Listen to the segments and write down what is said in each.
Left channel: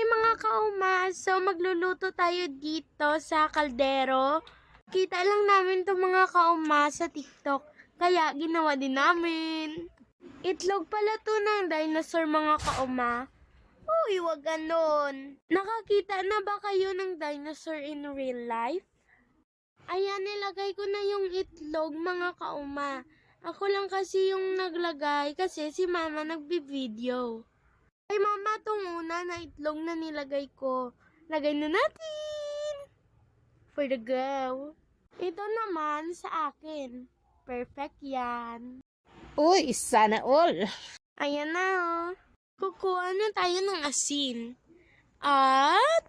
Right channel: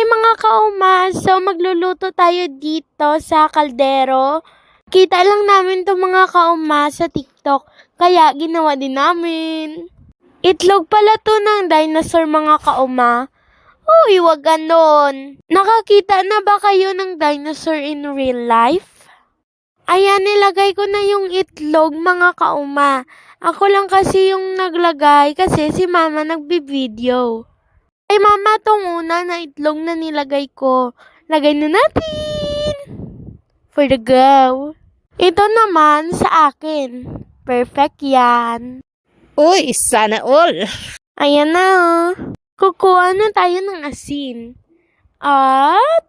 Hi mga kauma! So magluluto tayo dito sa kaldero. Kita lang namin to mga kauma sa TikTok. Kaya ginawa din namin. Itlog pala to ng dinosaur mga kauma. Uy, wag ganon. Nakakita na ba kayo ng dinosaur in real life? Ayan, nilagay ko na yung itlog mga kauma. Ako lang kasi yung naglagay kasi si mama nagbibideo. Ay mama, tong una na itlog na nilagay ko. Lagay na natin. For the go. Ito naman sa akin. Perfect yan. Uy, sana all. Ayan na oh. Kukuha na tayo ng asin. At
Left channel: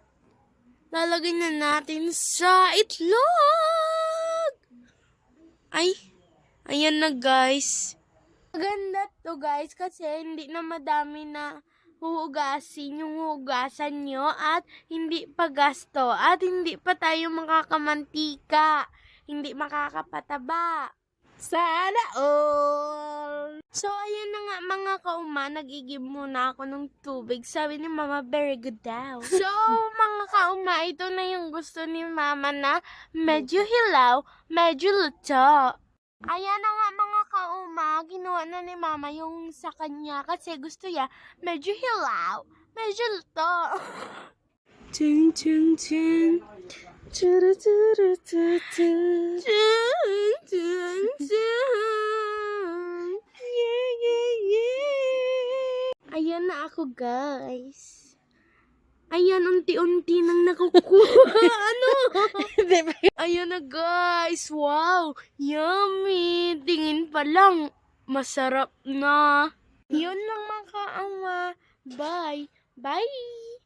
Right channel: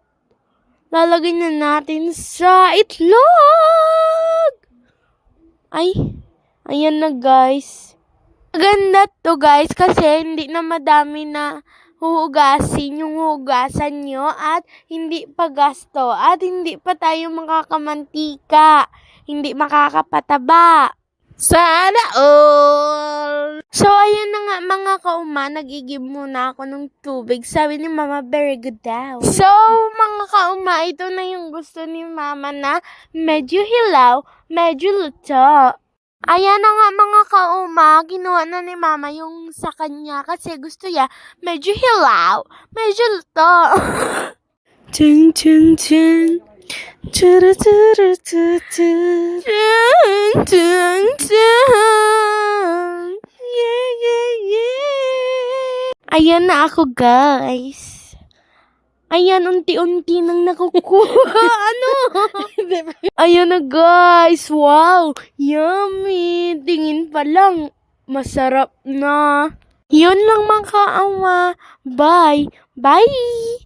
lalagay na natin sa itlog. Ay, ayan na guys. Maganda to guys kasi hindi na madami na huhugasin yung hugasan nyo at hindi pa gasto at hindi pa tayo makakamantika. Hindi makakapataba. Sana all. So, ayun na nga mga kauma, nagigib muna ako ng tubig. Sabi ni Mama, very good daw. So, mga kauma, ito na yung gusto ni Mama na medyo hilaw, medyo luto. Ayan na nga mga kauma, ginawa na ni Mama yung sa kanya kasi gusto niya medyo hilaw, medyo luto. Ching, ching, ching. Churu, churu, chu, chu. Ching, ching, ching. Yeah, yeah, yeah. Ayan na ako, guys. Ayan, unti-unti nang nakukuha. ano? Ayan na, guys. Wow. Yummy. Tingin pa lang. Masarap na. Yun lang mga kaawa. Bye. Bye.